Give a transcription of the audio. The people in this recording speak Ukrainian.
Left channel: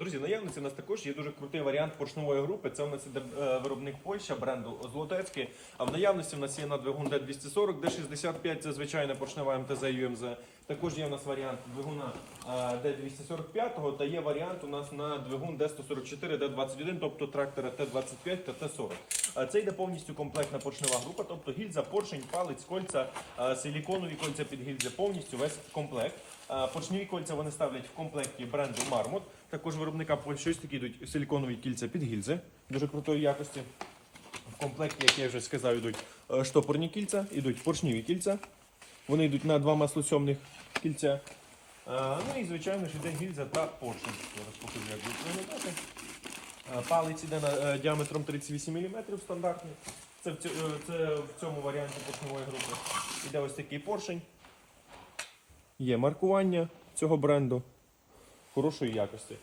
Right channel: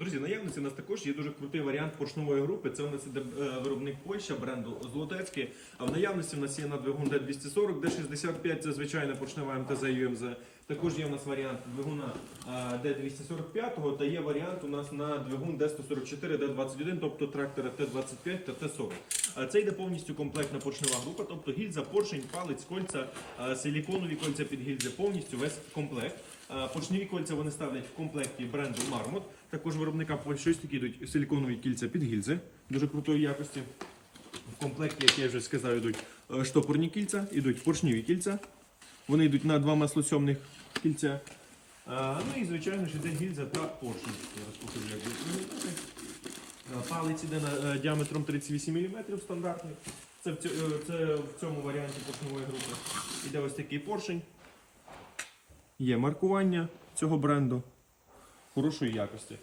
Друзі, наявності у нас також є дуже крутий варіант поршневої групи. Це у нас іде е, виробник Польща бренду Злотецький. А в наявності у нас є на двигун D240, D65 це звичайна поршнева МТЗ UMZ. Також є у нас варіант двигуна е, D245 та є варіант у нас на двигун D144, D21, тобто трактора Т25 та Т40. Е, Це йде повністю комплектна поршнева група, тобто гільза, поршень, палець, кольця, силіконові кольця під гільзи, повністю весь комплект. Поршневі кольця вони ставлять в комплекті бренду Marmot. Також виробника Польщі ось такі йдуть силіконові кільця під гільзи, дуже крутої якості. В комплекті, як я вже сказав, йдуть е, штопорні кільця, йдуть поршневі кільця. Вони йдуть на два маслосьомних кільця. Е, Ну і звичайно ж іде гільза та поршень. Зараз як будуть виглядати. Палець іде на е, діаметром 38 мм стандартний. Це в, цьо- е, це в цьому варіанті поршневої групи. Іде ось такий поршень. Є маркування цього бренду хорошої якості.